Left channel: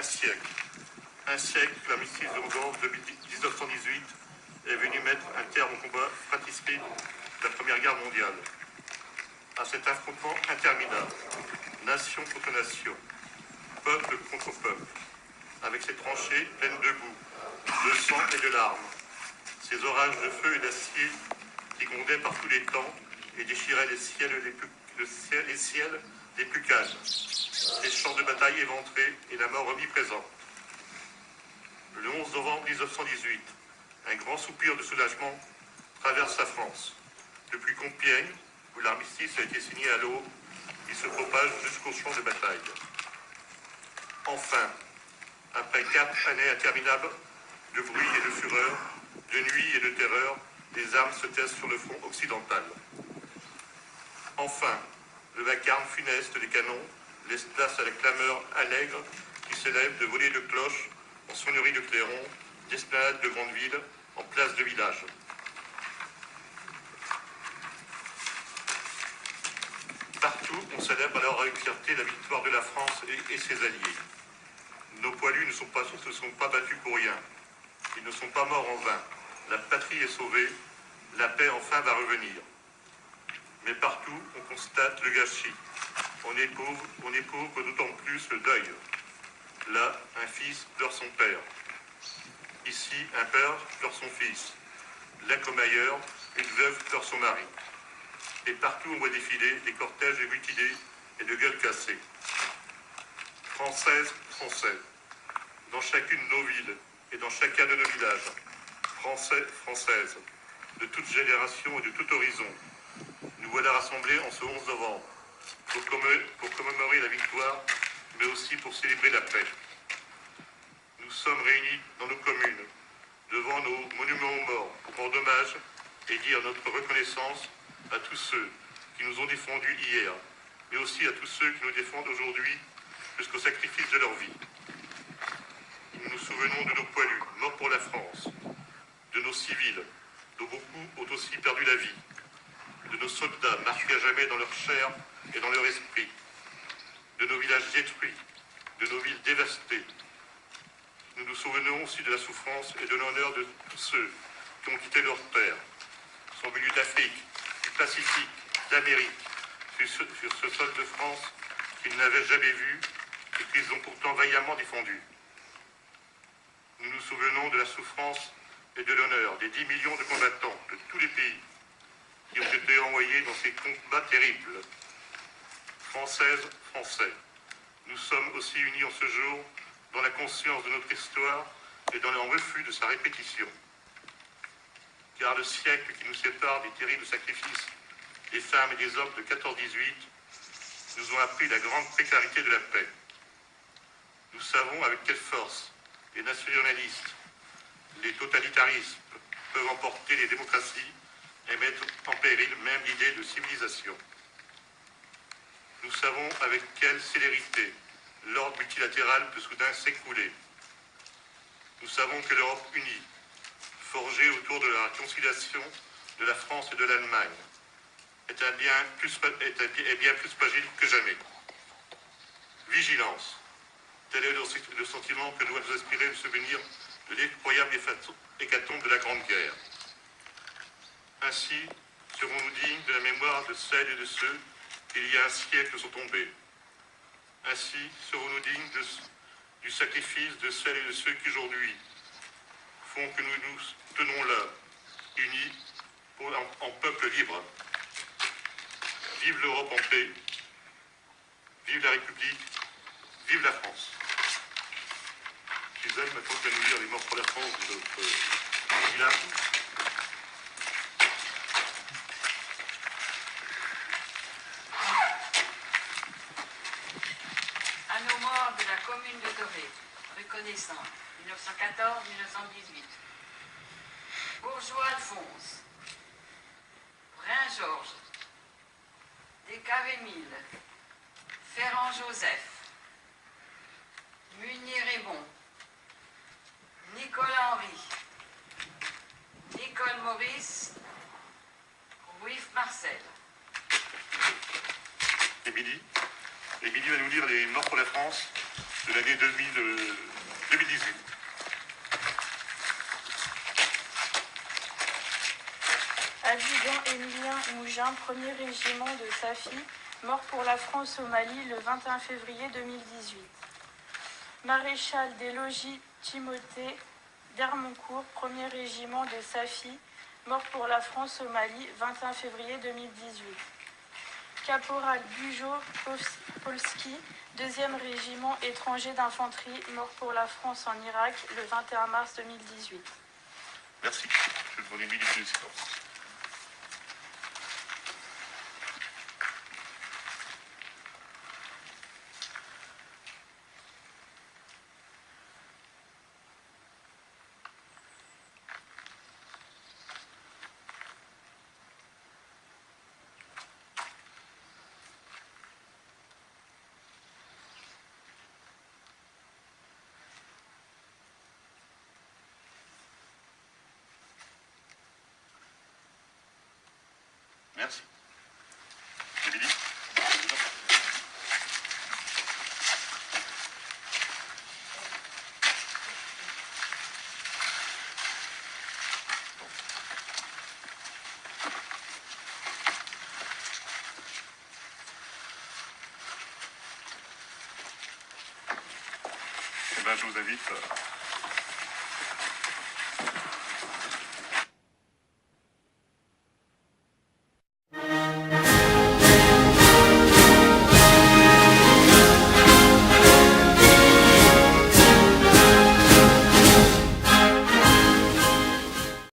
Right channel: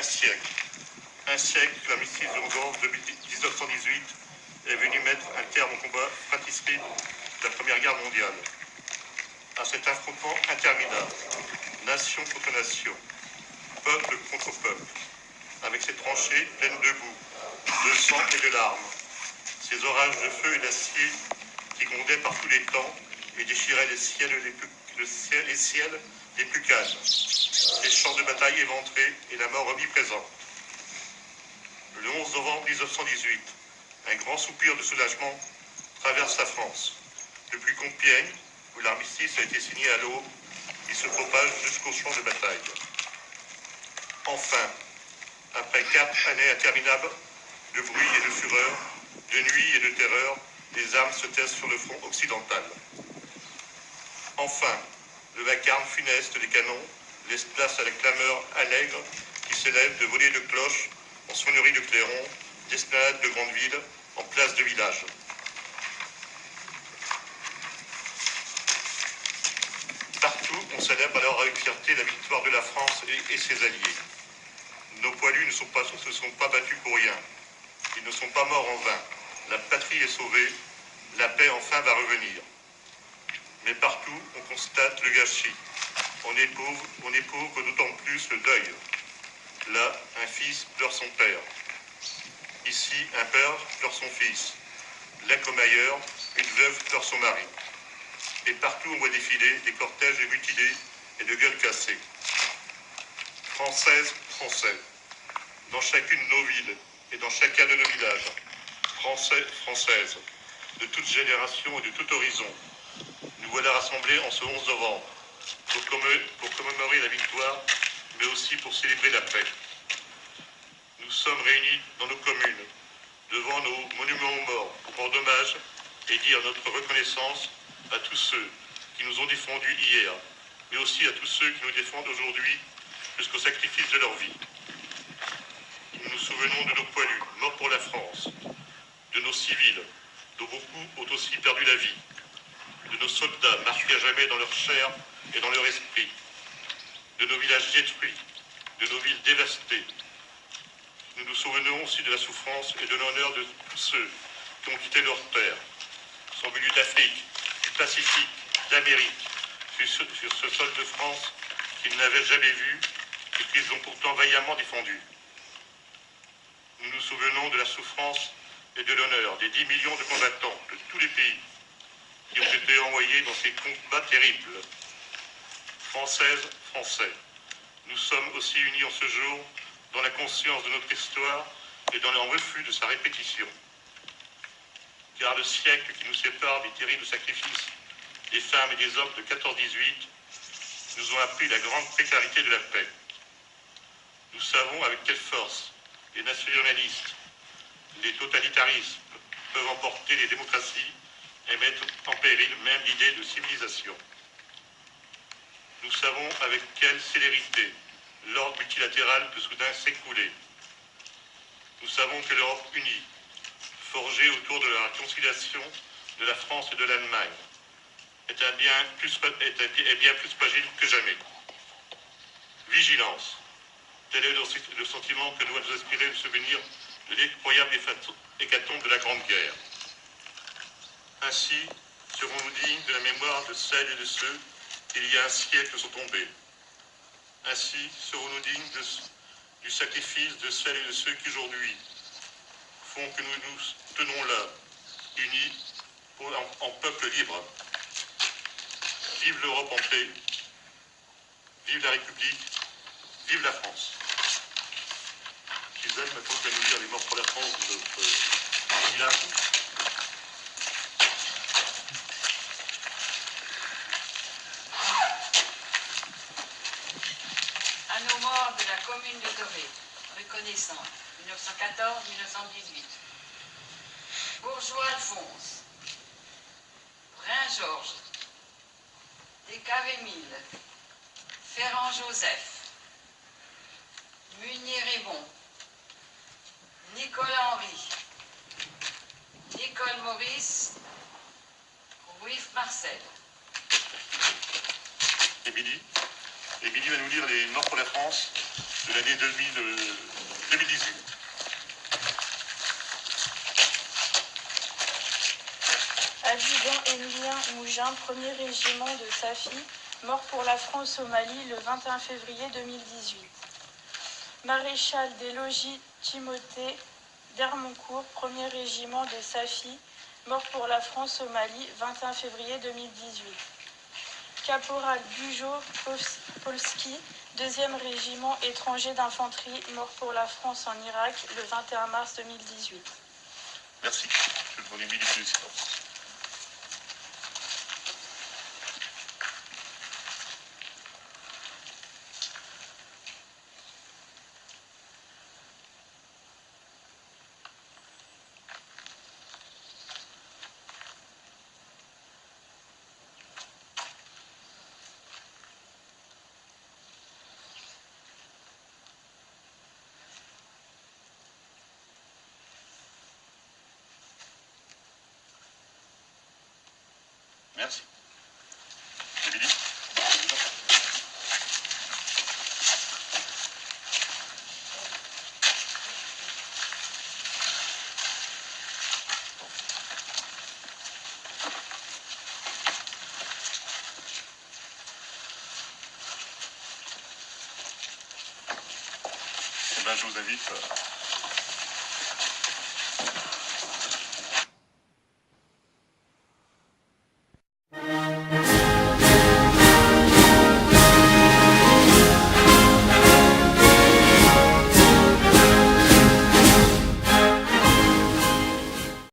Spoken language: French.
un siècle. Un siècle que l'armistice d'Urgence de 1918 est venu mettre un terme au combat fratricide de la Première Guerre mondiale. À cet affrontement interminable, nation contre nation, peuple contre peuple, avec ses tranchées pleines de boue, de sang et de larmes, ces orages de feu et d'acier qui grondaient par tous les temps et déchiraient les ciels les plus calmes, les champs de bataille éventrés et la mort omniprésente. Le 11 novembre 1918, un grand soupir de soulagement traverse la France. Depuis Compiègne, où l'armistice a été signé à l'aube, il se propage jusqu'au champ de bataille. Enfin, après 4 années interminables de bruit et de fureur, de nuit et de terreur, les armes se taisent sur le front occidental. Enfin, le vacarme funeste des canons laisse place à la clameur allègre qui s'élève de volées de cloches en sonneries de clairons, d'esplanades de grandes villes, en places de villages. Partout, on célèbre alors avec fierté la victoire de la France et ses alliés. Nos poilus ne se sont pas battus pour rien. Ils ne sont pas morts en vain. La patrie est sauvée. La paix enfin va revenir. Mais partout, on constate le gâchis. On éprouve d'autant plus le deuil. Là, un fils pleure son père. Ici, un père pleure son fils. Là comme ailleurs, une veuve pleure son mari. Et partout, on voit défiler des cortèges de mutilés et de gueules cassées. Françaises, Français, dans chacune de nos villes et dans chacun de nos villages, Français, Françaises, de toute génération et de tout horizon, nous voilà rassemblés en ce 11 novembre pour commémorer la victoire, mais aussi pour célébrer la paix. Nous sommes réunis dans nos communes, devant nos monuments aux morts, pour rendre hommage et dire notre reconnaissance à tous ceux qui nous ont défendus hier, mais aussi à tous ceux qui nous défendent aujourd'hui jusqu'au sacrifice de leur vie. Nous nous souvenons de nos poilus, morts pour la France, de nos civils, dont beaucoup ont aussi perdu la vie, de nos soldats marqués à jamais dans leur chair et dans leur esprit, de nos villages détruits, de nos villes dévastées. Nous nous souvenons aussi de la souffrance et de l'honneur de tous ceux qui ont quitté leur terre, sont venus d'Afrique, du Pacifique, d'Amérique, sur ce sol de France qu'ils n'avaient jamais vu et qu'ils ont pourtant vaillamment défendu. Nous nous souvenons de la souffrance et de l'honneur des 10 millions de combattants de tous les pays qui ont été envoyés dans ces combats terribles. Françaises, Français, nous sommes aussi unis en ce jour dans la conscience de notre histoire et dans le refus de sa répétition. Car le siècle qui nous sépare des terribles sacrifices des femmes et des hommes de 14-18 nous ont appris la grande précarité de la paix. Nous savons avec quelle force les nationalistes, les totalitarismes peuvent emporter les démocraties et mettre en péril même l'idée de civilisation. Nous savons avec quelle célérité l'ordre multilatéral peut soudain s'écrouler. Nous savons que l'Europe unie, forgée autour de la réconciliation de la France et de l'Allemagne, est bien plus fragile que jamais. Vigilance. Tel est le sentiment que doit nous inspirer le souvenir de l'effroyable hécatombe de la Grande Guerre. Ainsi, serons-nous dignes de la mémoire de celles et de ceux qui, il y a un siècle, sont tombés. Ainsi, serons-nous dignes du sacrifice de celles et de ceux qui, aujourd'hui, font que nous nous tenons là, unis, en peuple libre. Vive l'Europe en paix, vive la République, vive la France. Suzanne, maintenant, tu vas nous lire les morts pour la France de notre village. À nos morts de la commune de Toré, reconnaissant, 1914-1918. Bourgeois Alphonse, Brun Georges, Descaves-Émile, Ferrand Joseph, Munier Raymond, Nicole Henry, Nicole Maurice, Rouif Marcel. Émilie va nous lire les morts pour la France de l'année 2018. Adjudant Émilien Mougin, 1er régiment de Safi, mort pour la France au Mali le 21 février 2018. Maréchal des logis Timothée d'Hermoncourt, 1er régiment de Safi, mort pour la France au Mali 21 février 2018. Caporal Bujo Polski, 2e régiment étranger d'infanterie, mort pour la France en Irak le 21 mars 2018. Merci. Je demande une minute de silence. Merci. Émilie ? Eh bien, je vous invite